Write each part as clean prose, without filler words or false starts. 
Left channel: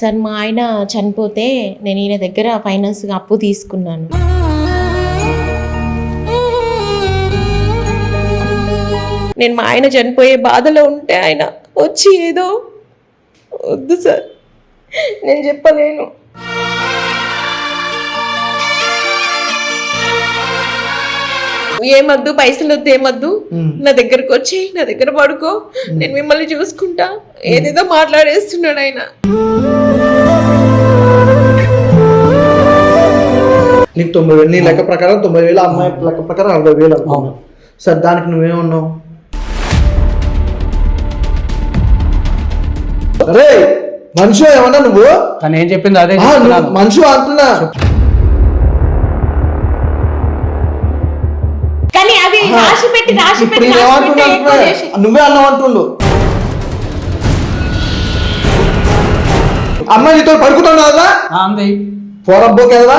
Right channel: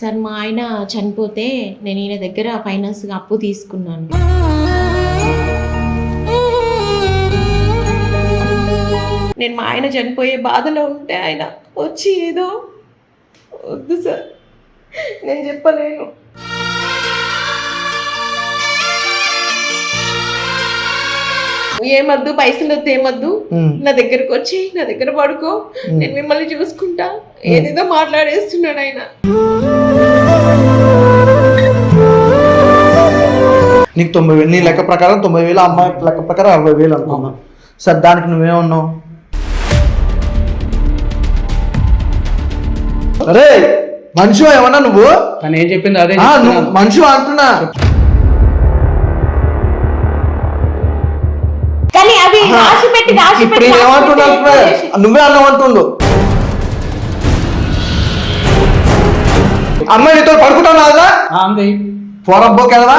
Sir మా ఆయన చనిపోతే నేను ఈయన దగ్గర ఫైనాన్స్గా అప్పు తీసుకున్నాను. నేను మా ఆయన చనిపోయే బాధలో ఉంటే ఆయన వచ్చి ఏదో వద్దు సార్ నేను చెప్పలేను. ఏమద్దు, పైసలు వద్దు, ఏమద్దు, నా దగ్గరకు వచ్చి నా దగ్గర పడుకో, నేను మిమ్మల్ని చూసుకుంటా, ఏదేదో మాట్లాడేస్తున్నాడు ఆయన. నీకు 90,000 నీ లెక్క ప్రకారం 90,000, అమ్మాయి లెక్క ప్రకారం 60,000 అనుకున్నావు. సరే దానికి నువ్వేమన్నావు? అరే మనిషి ఏమన్నా నువ్వు? తను ఏం చెప్పింది అదే నువ్వు మనిషి అంటున్నా. ఇప్పుడు ఏమంటున్నా? నువ్వే అన్నావు అంటుండు. అమ్మాయి నీతో పడుకుంటావు కదా, పోరం పోకేదా?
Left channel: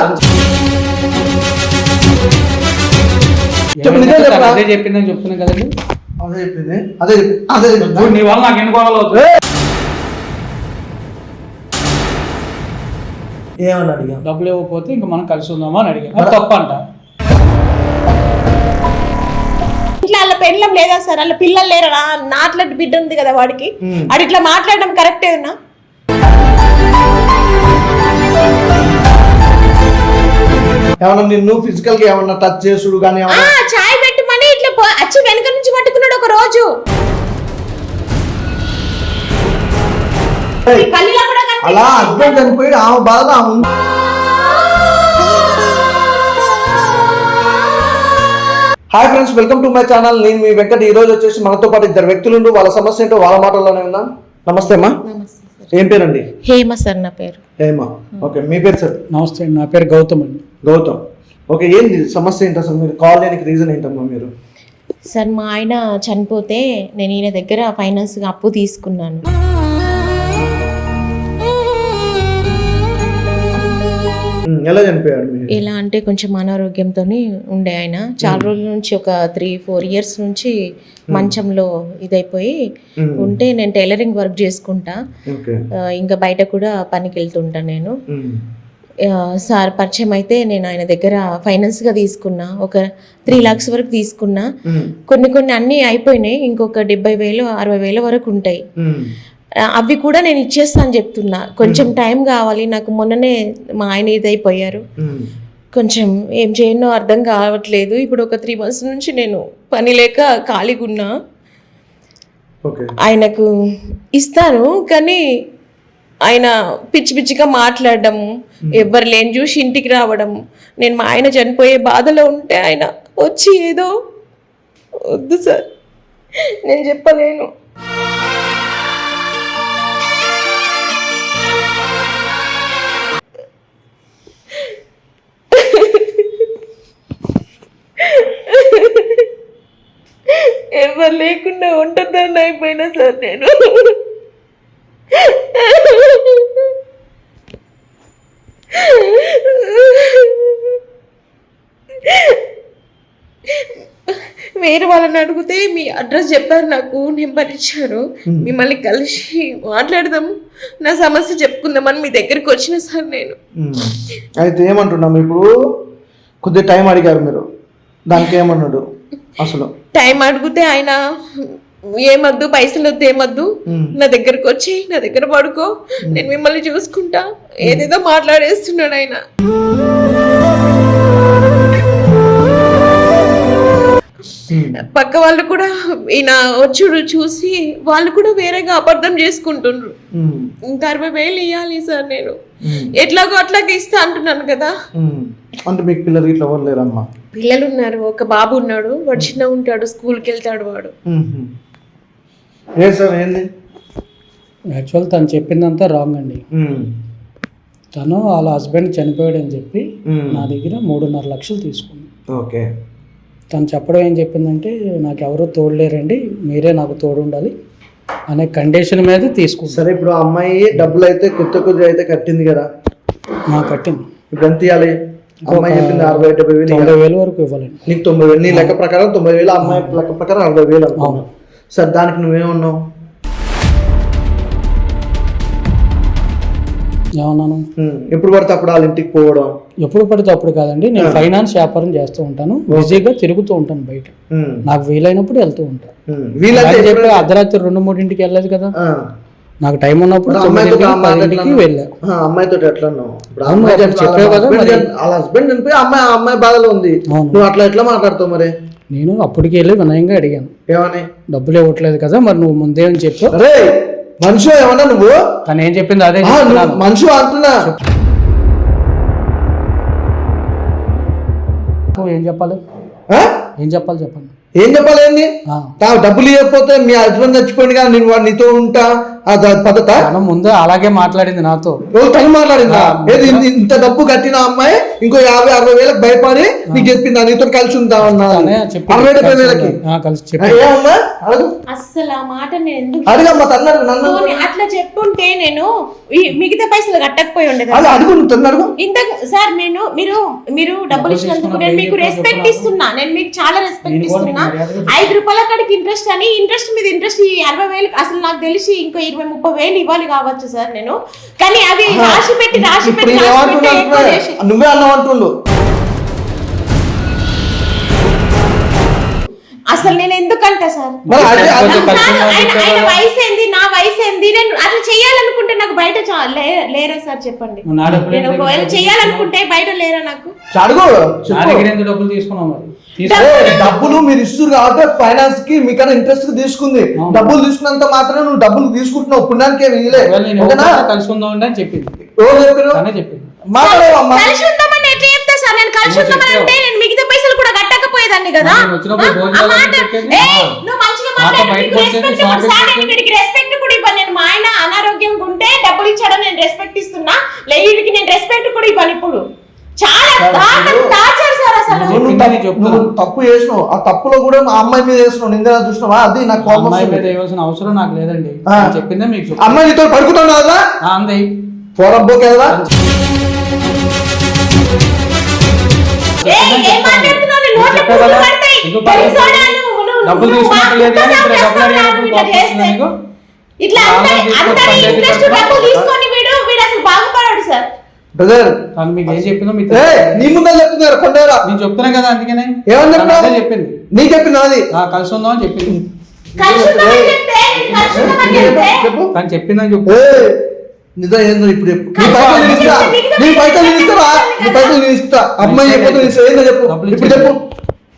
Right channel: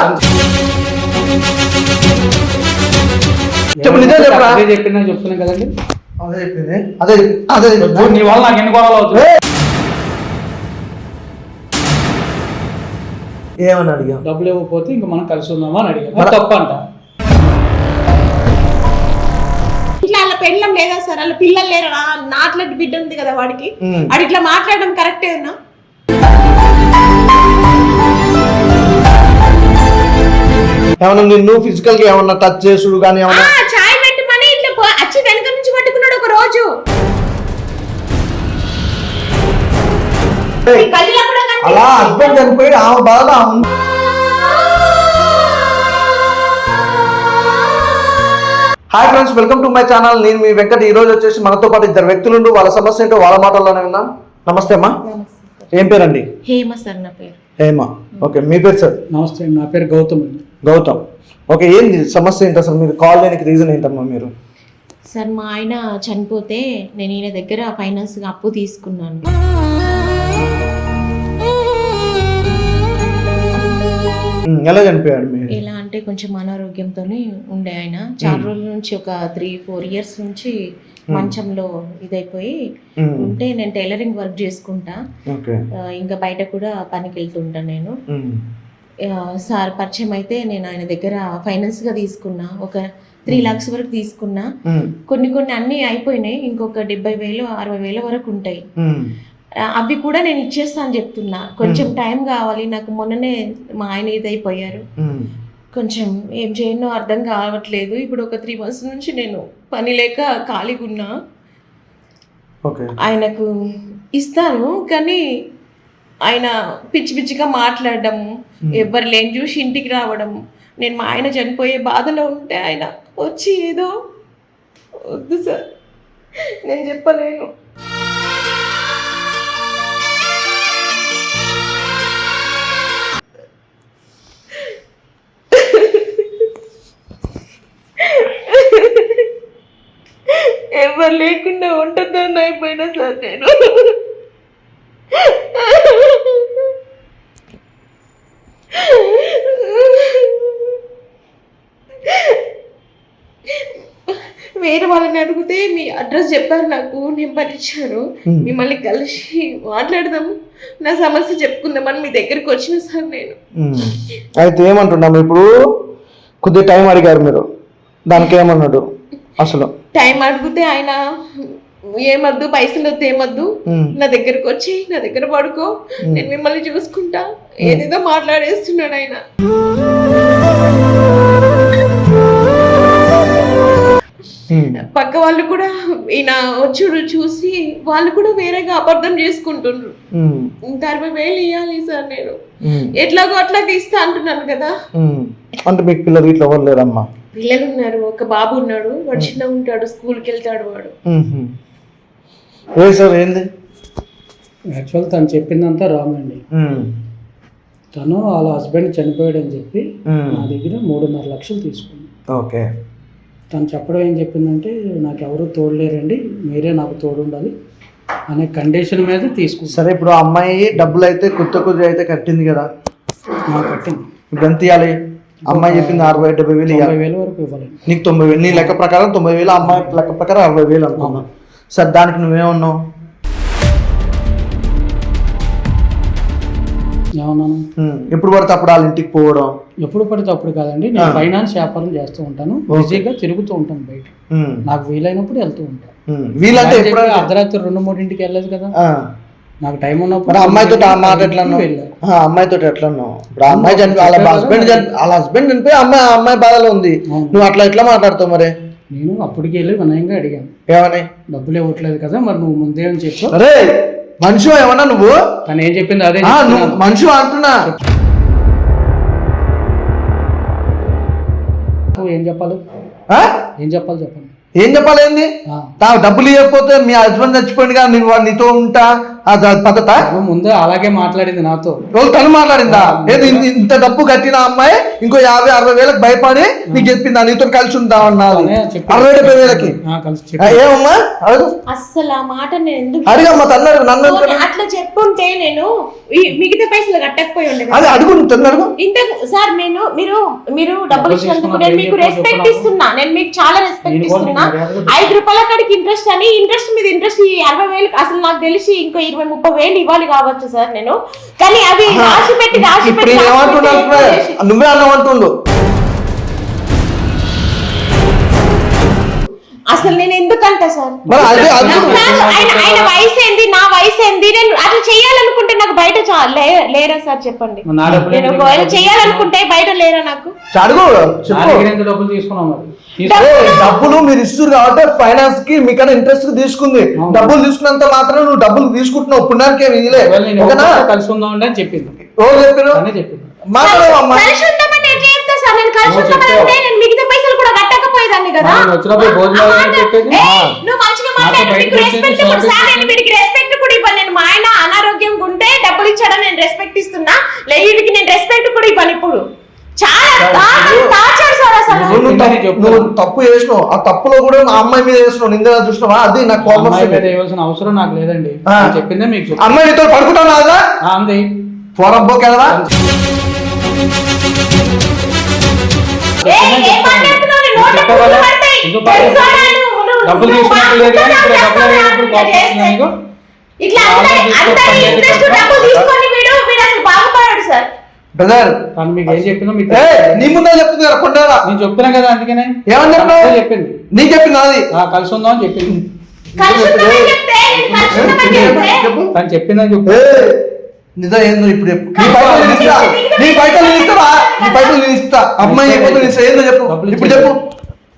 చెప్పు, నిజం చెప్పరా? అదే చెప్పిందని చెప్తున్నా కదండి. అదే చెప్పింది, అదే అదే నీ వల్ల నాకు ఎన్ని గొడవలు అవుతుంది. ఏమని అడిగా? డబ్బులు ఇవ్వకపోతే ఇంకా మనం కలిసి ఉందామా అని అడిగా. తప్ప అంట. ఇట్లా వాళ్ళ పెళ్ళం లేదా సార్, వాళ్ళ పిల్లలు లేరా? నాట్లాంటి బిడ్డ ఉంది కదా వాడికి, అది ఇట్లా మాట్లాడడం కరెక్టేనా? ఏమన్నా నిన్ను ఫిజికల్ గా ఏమన్నా టచ్ చేసుడు కానీ చాయ్ పెట్టమని ఇట్లా అచ్చి వెనక నుంచి పట్టుకున్నాడు ఒక రోజు. అలా హస్బెండ్ చనిపోయి ఆమె బాధ. Hi friends, welcome to my channel. నేను మీ వెంకట్. ఈ రోజు వచ్చేసి మనతో పాటు ఇద్దరు వ్యక్తులు, వాళ్ళ సమస్య ఏంటో వాళ్ళ మాటల్లోనే విన్నాం. నమస్తే అమ్మా. ఏం పేరండి? హేమ సార్ నా పేరు. హేమ. ఓకే, మీ పేరు సార్? నమస్తే, నా పేరు గౌతమ్ అండి. గౌతమ్. ఓకే, ఏంటి సమస్య ఏంటి అసలు? మీరు కాల్ చేయడానికి రీజన్ ఏంటమ్మా? మీరు సార్ మా ఆయన చనిపోతే నేను ఈయన దగ్గర ఫైనాన్స్గా అప్పు తీసుకున్నాను. ఎలా చనిపోయాడు? ఎలా అంటే కొంచెం అనారోగ్యంతో ఉండే ఆయన. చాలా రోజుల నుంచి, ఒక 3-4 ఇయర్స్ నుంచి మంచంలో ఇదైపోయి ఉంటే, నేను టైలరింగ్ వర్క్ చేసుకుంటా, ఇంకా బయట కూడా పనికి వెళ్తుంటా నేను. సార్ పరిచయం అయితే నేను ఆయన దగ్గర ఫైనాన్స్గా తీసుకున్నా, ఒక 3 lakhs వరకు తీసుకున్నా. కొన్ని అన్నీ అయిపోయినాయి, ఇంకొక 70,000-60,000 వరకు ఉంటాయి. అవి కూడా నేను ఇచ్చేస్తాను చెప్తున్నా. కొంచెం టైం కావాలి నాకు. మొన్ననే మా ఆయన ఇదైపోయారు, కొంచెం ఏం చేయనో అర్థం కావట్లేదు. ఇప్పుడు ఒక 3 months నుంచి నేను పని లేక ఖాళీగా ఉన్నా. ఆయనకు ఇస్తాను కానీ ఆయన పిచ్చి పిచ్చిగా మాట్లాడడం, ఎవరు లేని చూసి ఇంటికి రావడం. నేను మా ఆయన చనిపోయే బాధలో ఉంటే ఆయన వచ్చి ఏదో వద్దు సార్ నేను చెప్పలేను. ఎవరు లేకుండా ఉంటుందని అయిపోయినా సార్ నేను. వేరే వాళ్ళని అడిగితే మీ అడ్రస్ చెప్పారు, నాకు నెంబర్ ఇచ్చారు, మిమ్మల్ని కలిసి మాట్లాడదాం, నా సమస్య చెప్పుకుందామని మీ దగ్గరికి వచ్చిన సార్ నేను. అయితే ఏమంటున్నాము ఇప్పుడు? కొద్దిగా టైం అడిగారు మీరు, దానికి ఏమన్నాడు అసలు? టైం అడిగితే ఆయన ఏమద్దు, పైసలు వద్దు, ఏమద్దు, నా దగ్గరకు వచ్చి నా దగ్గర పడుకో, నేను మిమ్మల్ని చూసుకుంటా, ఏదేదో మాట్లాడేస్తున్నాడు ఆయన. పక్క వాళ్ళు కూడా ఈయన వచ్చుడు చూసి వాళ్ళు కూడా వేరేగా అబద్ధం చేసుకుంటుండ్రు. ఇంకా 60,000 ఇవ్వాలి సార్ నేను, ఎట్లాగో అట్లాగే ఇస్తా అంటున్నాను కదా. అంటే మీకు పిల్లలు ఇట్లా ఎవరు లేరమ్మా? పిల్లలు ఉన్నారు, ఒక బాబు ఉన్నాడు, వాడు చిన్న ఉంటాడు, స్కూల్కి వెళ్తాడు వాడు. ఏ సార్ ఏంది? యాక్చువల్ తను చెప్పిందంతా రాంగ్ అండి. తను వాళ్ళ హస్బెండ్ చనిపోయాడు అని చెప్పి నా దగ్గర 3.5 లక్షలు తీసుకుంది. ఓకే. తను చెప్పడం ఏం చెప్పిందంటే, నాకు ఎవరు తోడులేరండి, మీరే నాకు తోడు ఉండాలి అనే కండిషన్ మీద తీసుకుంది. సరే, ఇప్పుడు అమ్మాయి డబ్బులు అయితే కొద్ది అయితే కట్టింది కదా? కట్టింది. ఇప్పుడు ఎంత ఇవ్వాలి? అమ్మాయి చెప్పింది 60,000-70,000. 60,000 వరకు ఇవ్వాలి. నీకు 90,000, నీ లెక్క ప్రకారం 90,000, అమ్మాయి లెక్క ప్రకారం 60,000 అనుకున్నావు. సరే దానికి నువ్వేమన్నావు? ఏమన్నాను? ఎప్పుడు పడితే అప్పుడు వాళ్ళ ఇంటికి పోవడం. ఎప్పుడు పడితే అప్పుడు కాదండి, నేను ఫైనాన్స్ వ్యాపారం చేస్తూ ఉంటాను, బిజీగా తిరుగుతూ ఉంటాను బయట, నాకు వీలైనప్పుడు వెళ్తూ ఉంటాను. వీలైతే అర్ధరాత్రి 2-3 వెళ్ళదు కదా, నాకు టైం ఉన్నప్పుడు అమ్మాయితో వెళ్ళా. అమ్మాయితో ఎట్లా ఉన్నావు? వాళ్ళ హస్బెండ్ చనిపోయి అమ్మాయి బాధలో ఉంది, నువ్వు అట్లా ఎట్లా మాట్లాడతావు? మరి నేను అప్పటికి వెళ్ళి వినయంగా అడిగాను, ఏమని? డబ్బులు ఇవ్వట్లేదు కదా, మరి నువ్వు ముందే అని చెప్పు. అరే మనిషి ఏమన్నా నువ్వు? తను ఏం చెప్పింది అదే మనిషి అంటున్నా. ఏం చెప్పాలి? ఏం చెప్పాలి చెప్పండి. ఏం చెప్పాలి? ఏంది డబ్బులు ఇవ్వకపోతే మీ హస్బెండ్ చచ్చిపోయింది కదా, నేను నీతో ఉంటా పద్ధత? ముందు అలాగే మాట్లాడింది నాతో. తను మాట్లాడిందా? ఏది ఇంత డబ్బు కట్టిన అమ్మాయి ఇంకో 50-60 వేలకు భయపడి నీకు చెప్పిందా నీతో కలిసి ఉంటామన్నా? 60-70 వేలకి ఏమమ్మా? అస్సలు ఆ మాట నేను ఎందుకు అడిగమ్మా నన్ను అట్లా చెప్పుంటే నేను మిగతా పైసలు కట్టకపోయి ఉండేది. అది అడుగు, నువ్వు అడుగు. ఇంతకు సార్ మీరు డబ్బులు ఇచ్చినందుకు నేను మీకు రెస్పెక్ట్ ఇస్తున్నా, నేను మీకు చాలా రెస్పెక్ట్ ఇస్తున్నా. 5 రూపాయల కాడికి ఇంట్రెస్ట్ అని ఇంట్రెస్ట్ మీద ఇంట్రెస్ట్ 60 వేలు అసలు నాకు తెలిసి ఇంకో 20-30 వేలు ఇవ్వాలి కావచ్చు సార్ నేను, కానీ అది రాసి పెట్టి నువ్వే అన్నవంటుండు. అసలు నేను ఎందుకంటా సార్? ఆయన వయసు ఏంది, నా వయసు ఏంది? నేను అట్లా చెయ్యాలనుకుంటే నాకు బయట లేరా సార్ చెప్పండి? నేను ఒకవేళ చెయ్యాలనుకుంటే బయట లేరా నాకు? డబ్బులు మీరు ఇస్తారు కాబట్టి ఫైనాన్స్ కి మీకన్నా ఇంట్రెస్ట్ తీసుకుంది. డబ్బులు తీసుకున్నంత మాత్రం నువ్వు డబ్బులు తీసుకుంటున్నావు, పుణ్యానికి ఏమి ఇదిలే. కలిసి ఉందాం అని చెప్పింది. మాట్లాడవమ్మా. నేను మిగతా పైసలు కూడా కట్టకపోయేదాన్ని కదా. రెస్పెక్ట్ కూడా ఇవ్వను నేను. మా ఆయన అనారోగ్యంగా ఉంటే డబ్బులు ఇచ్చాడని నేను రెస్పెక్ట్ ఇస్తున్నా, వీడికి నేను రెస్పెక్ట్ కూడా ఇవ్వను. ఇప్పుడు చాలా టార్చర్ సార్. అసలు నువ్వు తప్పు చేసినావు, ఆ తప్పులో కూడా మా అమ్మాయి మీద చేసినావు, నింద చూసినావా? అది నాకు అవసరం నాకు లేదండి, చెప్పిందే మీకు. అమ్మాయి నీతో పడుకుంటావు కదా, పోరబ్బోకే కదా. బ్రదర్ నీ ముందే చెప్తున్నారు కొండరా. నేను చెప్తున్నా కదా, అందుకనే ఏమని చెప్పినావు? చెప్పింది నీ చెప్పింది అది కలిసి ఉందాం అని చెప్పింది. తను చెప్పిందని చెప్పు. నిజం ఏందో ఇప్పుడు చెప్పు. నీ పైసలు నేను ఇస్తా, నీ పైసలు నేను ఇస్తావా? నీ పైసలు నేను ఇస్తా. అమ్మాయి చెప్పు, ఏందో చెప్పు ఇప్పుడు చెప్పు.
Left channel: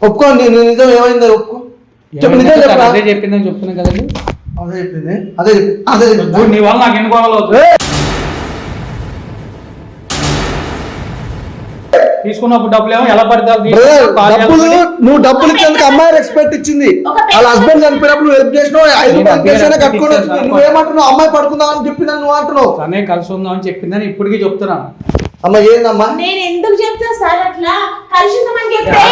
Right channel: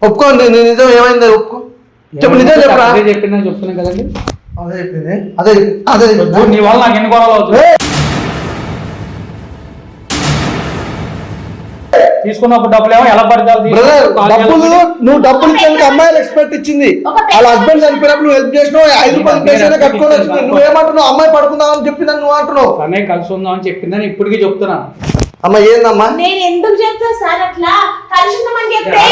ఒప్పుకో, నిజం ఏమైందో ఒప్పుకో, చెప్పు. నిజం చెప్పరా? చెప్పిందని చెప్తున్నా కదండి. అదే చెప్పింది, అదే అదే నీ వల్ల నాకు ఎన్ని గొడవలు అవుతుంది. తీసుకున్నప్పుడు డబ్బులు ఏమో ఎలా పడతావు? నువ్వు డబ్బులు ఇచ్చేందుకు అమ్మాయి రెస్పెక్ట్ ఇచ్చింది. వాళ్ళ హస్బెండ్ చనిపోయినప్పుడు నువ్వు హెల్ప్ చేసినావు, 5 రూపాయలు కట్టుకోవాలి. నువ్వేమంటున్నావు? అమ్మాయి పడుకుందామని చెప్పిందని నువ్వు అంటున్నావు. అనే కలిసి ఉందామని చెప్పిందని ఇప్పటికీ చెప్తున్నా. అమ్మ ఏందమ్మా? నేను ఎందుకు చెప్తా సార్ అట్లా? కలిసి ఉందామని చెప్తే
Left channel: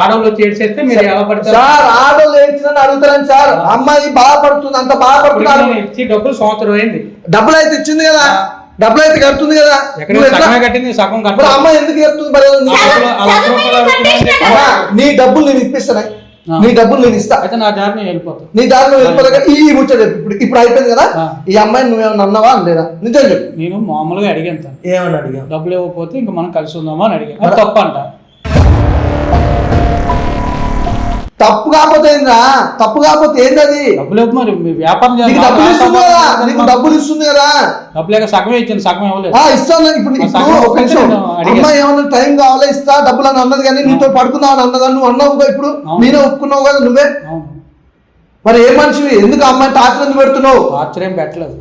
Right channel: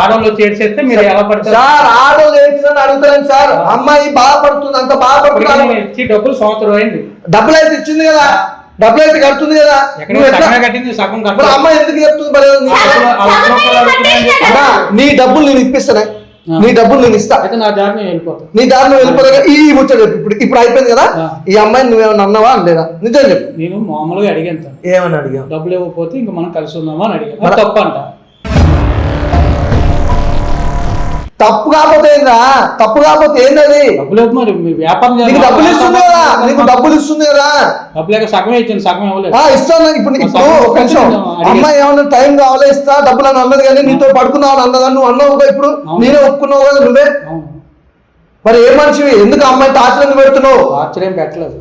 ఆడవాళ్ళు చేసేస్తే మీరు ఎలా పడతారు సార్? ఆడవాళ్ళు ఏడ్చిందని అడుగుతారని సార్. అమ్మాయి బాధపడుతుంది, అంత బాధపడుతుంది. డబ్బులు సంవత్సరం అయింది, డబ్బులు అయితే ఇచ్చింది కదా, డబ్బులు అయితే కడుతుంది కదా. అమ్మాయి ఎందుకు చెప్తుంది? నీ డబ్బులు నేను ఇప్పిస్తానే, నీ డబ్బులు నేను ఇస్తా. అయితే నా దారి నేను వెళ్ళిపోతాను. నీ దారిలో వెళ్ళిపోతా. ఈ ముచ్చట ఇప్పుడు అయిపోయింది కదా. ఈ అమ్మాయిని నువ్వేమన్నా అన్నావా లేదా? నిజం చెప్పు. నేను మామూలుగా అడిగాను. ఏమని అడిగావు? డబ్బులు ఇవ్వకపోతే ఇంకా మనం కలిసి ఉందామా అని అడిగాను. తప్ప అంట. తప్పు కాకపోతే ఏందా? తప్పు కాకపోతే ఏంది అది? డబ్బులు మరి వ్యాపారం నీకు డబ్బులు ఇస్తుంది కదా, నీకు డబ్బులు ఇస్తుంది కదా. డబ్బులు సగమే ఇచ్చింది, సగం ఇవ్వలేదు. ఇస్తాను. ఇప్పుడు ఒక నిమిషం, అమ్మాయి ఏమన్నా టైం కావాలా ఇస్తా డబ్బులు అని అన్నది, కానీ నీతో పడుకున్నావు అని అన్నదా? నువ్వు అన్నావు కదా, ఇప్పుడు నేనే ఒప్పుకున్నావు కదా నువ్వే. మరి ఏ మనిషివి? ఎందుకు అమ్మాయి టార్చర్ ఎందుకు పెడుతున్నావు? టార్చర్ ఏం పెట్టలేదు.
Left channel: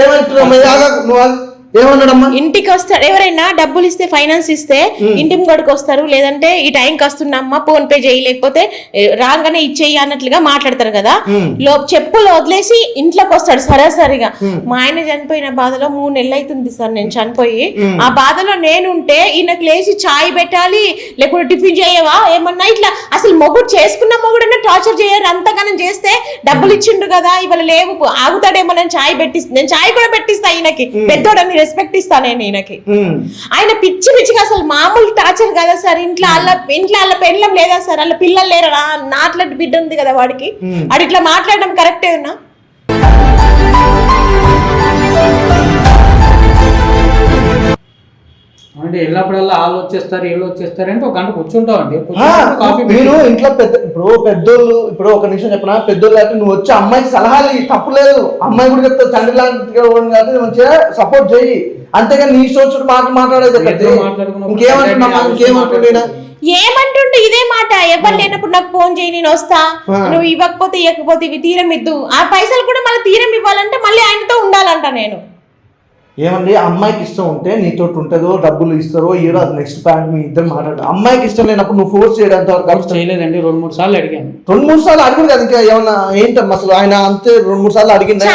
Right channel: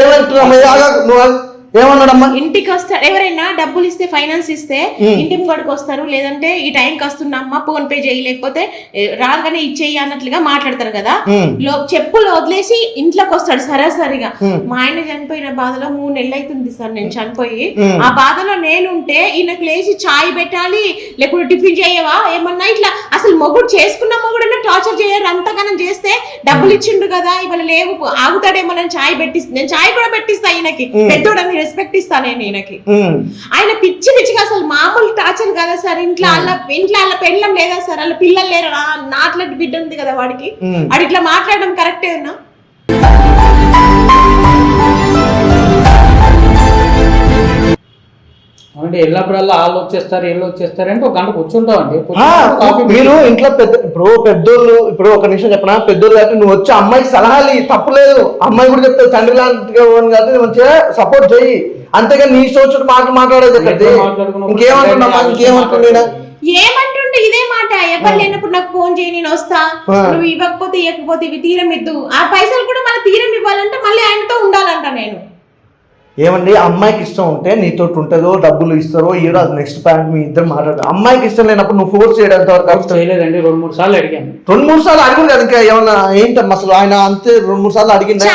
ఏమంటున్నావు? నువ్వు ఏమన్నాడమ్మా? ఇంటికి వస్తారు ఎవరైనా డబ్బులు ఇస్తే, ఫైనాన్స్ ఇస్తే ఇంటి ముంగడికి వస్తారు, లేదంటే ఈ టైంకి వస్తున్నామ్మా ఫోన్ పే చేయి, లేకపోతే రాగానే ఇచ్చేయి అన్నట్లుగా మాట్లాడతారు కదా. చెప్పులు వదిలేసి ఇంట్లోకి వస్తాడు సరాసరిగా. మా ఆయన చనిపోయిన బాధలో 3 నెలలు అవుతుంది సార్ నేను చనిపోయి. ఆ బాధలో నేనుంటే ఈయనకు లేచి చాయ్ పెట్టాలి, లేకపోతే టిఫిన్ చేయవా ఏమన్నా ఇట్లా. అసలు మొగుడు చేసుకున్న మొగుడన్నా టార్చర్ చేయరు. అంతగానం చేస్తే డబ్బులు ఇచ్చిండు కదా, ఇవాళ లేవు ఆగుతాడేమో, నేను చాయ్ పెట్టిస్తా, నేను చాయ్ కూడా పెట్టిస్తా ఈయనకి, పెద్దోడని రెస్పెక్ట్ ఇస్తా నేను ఈయనకి. ఆయన పిచ్చి పిచ్చిగా అసలు మామూలు టార్చర్ కదా సార్. ఇంట్లో వాళ్ళ పెళ్ళం లేదా సార్? వాళ్ళ పిల్లలు లేరా? నాట్లాంటి బిడ్డ ఉంది కదా వాడికి. అది ఇట్లా మాట్లాడడం కరెక్టే ఉన్నా? అంటే వెళ్ళినప్పుడల్లా వాళ్ళు వచ్చేస్తారు వీళ్ళు వచ్చేస్తారు అంటే ఒక గంట కూర్చుంటామండి మీరు ఇంట్లో పెద్దోళ్ళు ఇప్పుడు ఒక నిమిషం చెప్పనా, పెద్దోళ్ళు అయితే నువ్వు వచ్చి అమ్మాయికి సలహాలు తప్పులేదు, అమ్మాయి కూడా చెప్తే తండ్రి లాంటిగా కాబట్టి మంచిగా సపోర్ట్ చేయి, అంతేగాని నీ సోచుడు మాటలు మాట్లాడేది ఇంకేమంటున్నా ఇంకేమంటున్నా ఏమంటుండే ఇదే మాట, ఎవరు లేనప్పుడు నాకు ఫోన్ చేయి నేను వస్తా, నువ్వు ఇవ్వకపోతే ఇవ్వకపోతే ఇవి తీరం ఇద్దు, ఆ పైసలు కూడా మళ్ళీ తీరం ఇవ్వాలంటే మళ్ళీ ఆయనతో ఉండాలంట. నేను ఏమండి అమ్మాయికి ఇష్టం ఉంటే నీతో ఉంటుందో డబ్బులు ఇస్తారో ఏదో అది నెక్స్ట్ పాయింట్ మీ ఇద్దరు మాట్లాడు. అమ్మాయికి ఇష్టం లేనప్పుడు నువ్వు ఫోర్స్ చేయడానికి వరకు చేయలేదండి, 2-3 సార్లు అడిగాను. 2-3 సార్లు అడిగింది కదా, ఇంకా ఏమన్నా ఏంటమ్మా అసలు ఆయన అంతే 2-3 సార్లు అడిగింది.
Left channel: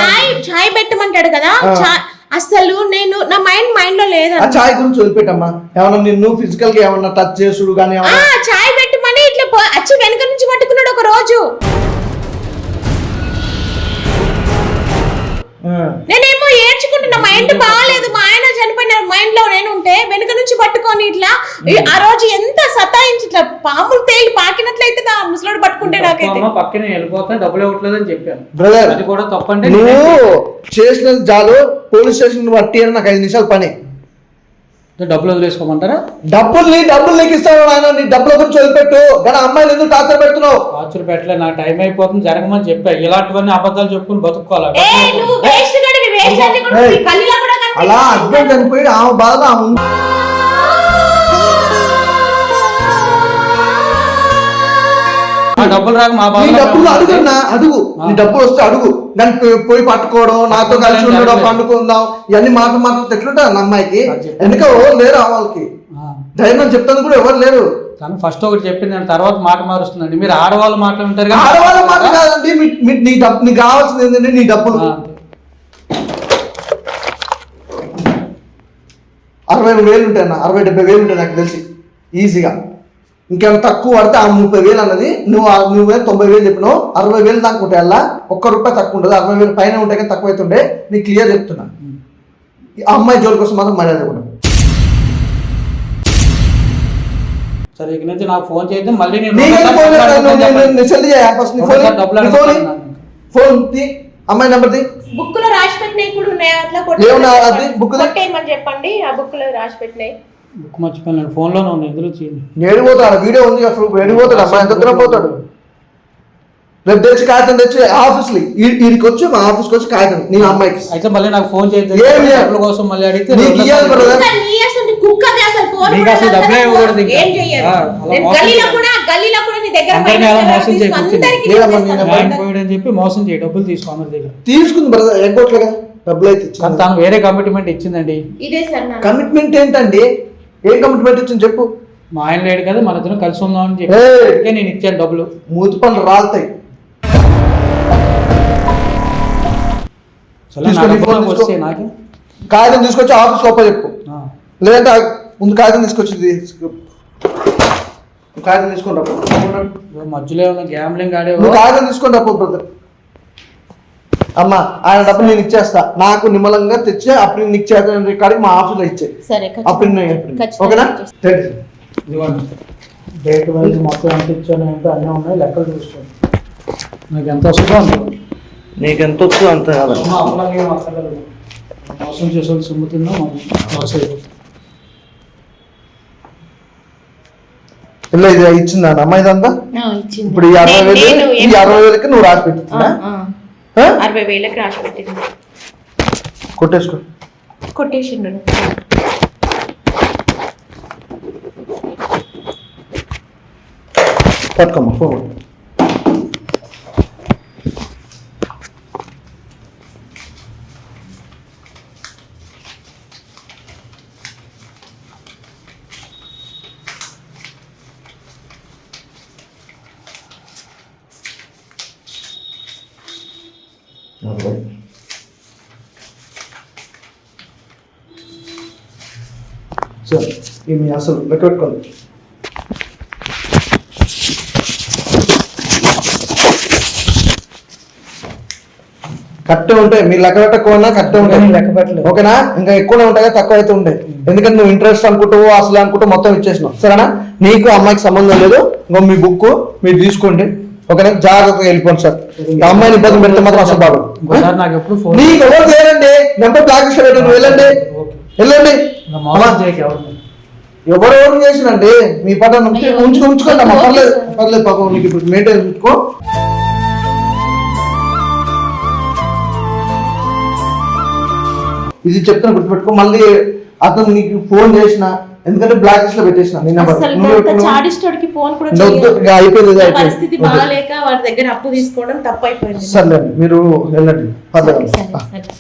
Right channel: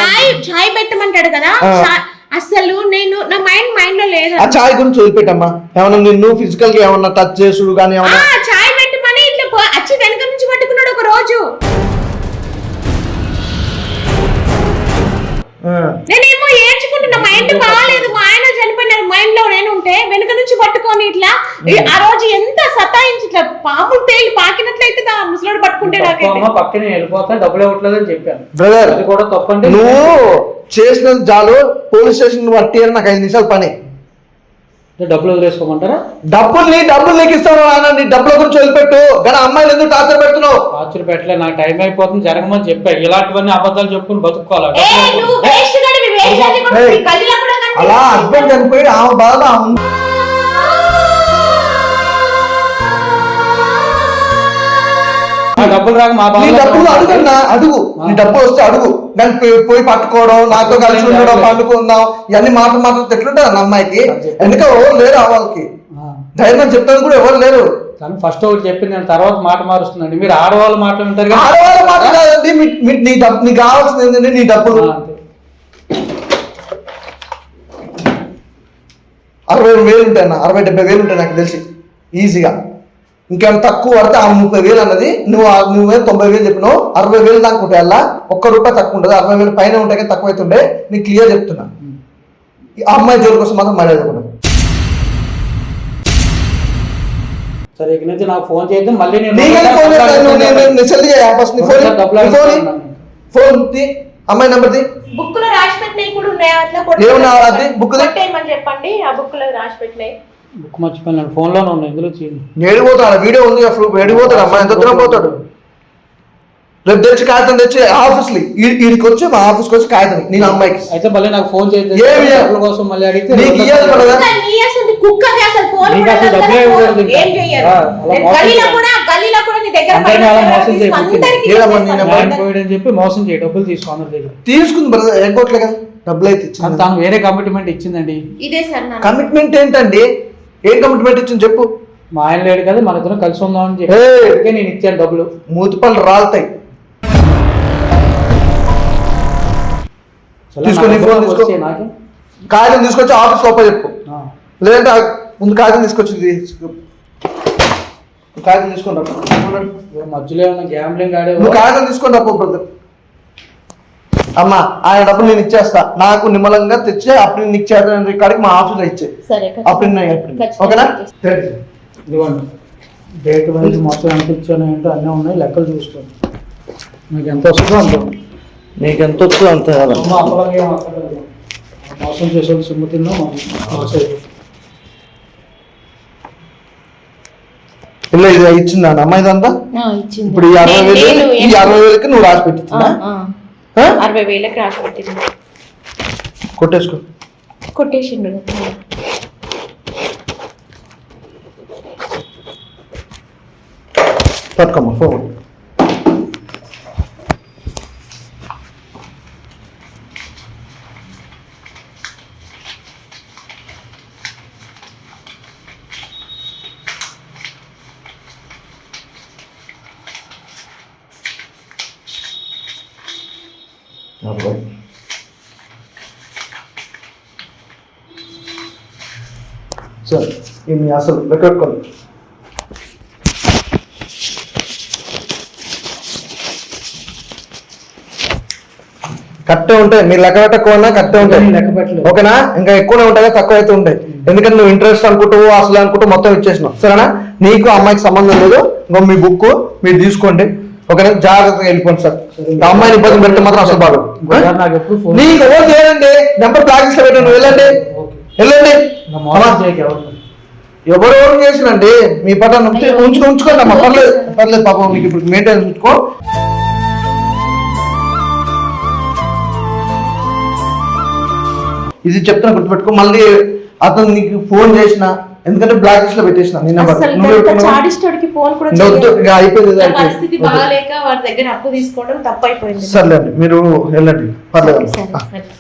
చాయ్ పెట్టమంటాడు కదా, అసలు నేను నా మైండ్ లో లేదు. ఆ చాయ్ గురించి వదిలిపెట్టమ్మా, ఏమన్నా నిన్ను ఫిజికల్ గా ఏమన్నా టచ్ చేసుడు కానీ ఏమన్నా చాయ్ పెట్టమని ఇట్లా అచ్చి వెనక నుంచి పట్టుకున్నాడు ఒక రోజు. నేనేమో ఏడ్చుకుంటున్నా, మైండ్ బాగాలేదు, మా ఆయన చనిపోయిన మైండ్ లో నేను ఉంటే వెనుక నుంచి పట్టుకొని ఇట్లా ఆ రోజు ఎంత సతాయించి ఇట్లా పాములు తేలి పాకినట్లయితే నా ముసలోడు పట్టుకుంటే నాకైతే పక్కనే వెళ్ళిపోతా డబ్బులు ఇవ్వట్లేదు అని చెప్పాను. బ్రదర్ అది కూడా తప్పండి, నువ్వు చేసినది చాలు, పోలీస్ స్టేషన్ బట్టి నాకు 5 నిమిషాలు పని. డబ్బులు వదిలేసుకోమంటారా? డబ్బులు నీకు ఇస్తాను ఆయన, నీ డబ్బుల గురించి వదిలిపెట్టు, కానీ అమ్మాయిలు ఎందుకు టార్చర్ పెడుతున్నావు? టార్చర్ పెట్టలే, నాకు టైం అయిపోతుంది జరగమని చెప్పా. ఇలాంటివన్నీ అబద్ధాలు చెప్పుకుని బతుక్కోవాలి. అలా హస్బెండ్ చనిపోయి ఆమె బాధ డబ్బులు రాక మా బాధ. డబ్బులు అడుగున్నా, అడుగు, నీ డబ్బులు వస్తే అడుగు, నన్ను పోయి పట్టుకోవడం, నాతో కలిసి ఉండడం, పండుకుందాం, ఇవన్నీ మాటలు ఎట్లుంటుంది అమ్మాయికి? ఎందుకో ఎవరు లేరు వాళ్ళకి ధైర్యం చెప్తాను కూడా ఎవరు లేరు. కానీ ఫస్ట్ ఒకటి చెప్పింది, నేను తర్వాత మాట మారుస్తుందండి. మీరు ఆడవాళ్ళ మాటలు ఉంటారు, ఆడవాళ్ళ మాట కాదండి, నీకు కావాల్సింది ఏంటంటే నీ డబ్బులు. 60,000 ఉంటాయి అన్న, 60-70,000 ఉంటాయి నాకు తెలిసి ఈజీగా. ఇంకేమైనా తక్కువ పడితే ఆ 30,000 అన్నది నువ్వే 90,000 చెప్పినావు, 60,000 దాకా ఉంటాయి. అలా ₹1 తక్కువ ఉంటుంది, 60,000 పైన ఉంటాయి కానీ తక్కువ అవుతుండే. నీకు క్లియర్ చెప్తున్నా, ఆ అమ్మాయి జోలి కోసం మాత్రం మర్యాద కూడా. సరే ఇక నుంచి నాకు ఫోన్ చేద్దాం, మళ్ళీ ఫోన్ అమ్మాయి నెంబర్ బుక్ లో రాసి పెట్టినవి కూడా ఉన్నాయి, అట్లా కొట్టేయమని చెప్పండి. ఆ బుక్ లో రాసి పెట్టినాయి. బుక్ మర్చిపోయాను, ఫోన్ లోనే ఉన్నాయి, ఇందులో ఏడిపోతాడు, వీడియో ఉంది అసలు, ఏడిపోతాడు అమ్మాయి ఎంత దూరం పోతాడు. రేపు తెచ్చి కాగితం తెచ్చి ఆఫీస్ వీడికి వచ్చి మా ఆఫీస్కి వచ్చి కాగితం నేను అమ్మాయికి అయితే మళ్ళీ నాకు ఫోన్ చేద్దాం కోసం మళ్ళీ అడిగితే నీకు ఇయ్యాలి పడదా? చెప్పి మోసం చేయి, డబ్బులు తీసుకో అందరి దగ్గర. తీసుకుంది బ్రదర్, ఎగ్గొట్లేగా డబ్బులు అయితే ఇచ్చింది. తను వేరే కమిట్మెంట్ ఇచ్చిందండి. కమిట్మెంట్ ఏంటండి? ఏం కమిట్మెంట్ ఇచ్చింది చెప్పు. మా ఆయన లేడు కదా, మన ఇద్దరం కలిసి ఉందాం అని చెప్పి నేను ఇచ్చాను డబ్బులు. మూతి పనులు రాలుతాయి. తీసుకొని ఫోన్ తీసుకో, కాగితం తీసుకొచ్చి ఆఫీస్ లోపల చెప్పు, లేదంటే ముందు కాగితం తీసుకొచ్చి కాగితం తీసుకొని రాపు. మధ్యలో గ్యాంబ్లింగ్ ఆడే నువ్వు కాగితం తీసుకొని రాపు బ్రదర్. అమ్మా ఆయన డబ్బులు నేను ఇచ్చేస్తా, నాకు నిమ్మలంగా తెచ్చి అప్పుడు నీకు చేత కాడికి మా ఆఫీస్లో ఇచ్చే అప్పుడు ఓకేనా? డేట్ వైజ్ మొత్తం ఎంత ఇచ్చాను ఏంటో అన్నీ ఉన్నాయి, లెక్కలు చూసుకోండి. మీకు ఎంత వస్తుందో అంత, నీకు ఎంత వస్తుందో అంత కాదు. మోసం చేసే సొమ్ము తిన్నా ఇలా ఇది ఇచ్చిందా అమ్మాయి అంతా? ఇప్పుడు ఈ 60,000కి నువ్వు రాసి పెట్టిందా? 60,000కి రాసి పెట్టింది. కొట్టేసిండు. పట్టుకోమ్మా ఫోన్. సరే ఇది అసలు పెట్టుకోండి. కరెక్టే ఉంటాయి, మీరు లెక్క పెట్టకుండా కరెక్టే ఉంటాయి, ఓకేనా? ఇంకా ఎక్కువనే ఉంటాయి, తక్కువ అయితే ఉంటాయి. ఎందుకంటే నువ్వు ఇంట్రెస్ట్ అనుకుంటావు, అసలు అనుకుంటూ మొత్తం ఇచ్చేసినావు, సరేనా? నీకు అమ్మాయికి సంబంధం లేదు, ఇంకో మీ బుక్ మీరు తీసుకోండి, ఓకేనా? జాగ్రత్తగా వెళ్ళిపోండి సార్. అమ్మాయిని ఇబ్బంది పెడితే మాత్రం అసలు బాగు. నీకు ఎవరు చేయండి, నెంబర్ బ్లాక్ లిస్ట్ లో పెట్టండి, వెళ్ళండి. ఎవరెవరు చేసినంటే మీ పట్ల ఉంచుకోండి అమ్మా, పర్లేదు పర్లేదు పాపం మీకు ఇప్పుడు మెయింటైన్ ఉంచుకో. ఇది చెప్తున్నా గుర్తుపెట్టుకో. మళ్ళీ అతను నీకు ఫోన్ చేసిన, ఎందుకంటే బ్లాక్ లిస్ట్ లో పెట్టేసిన నీ నెంబర్. చాడిస్టోడికి ఫోన్ కూడా అయిపోయింది నా పరిస్థితి బాగాలేక వాడి దగ్గర అప్పు తీసుకోవడం తప్పైపోయింది. సర్లేండి, మీరు వెళ్ళండి, పర్లేదు. సరే.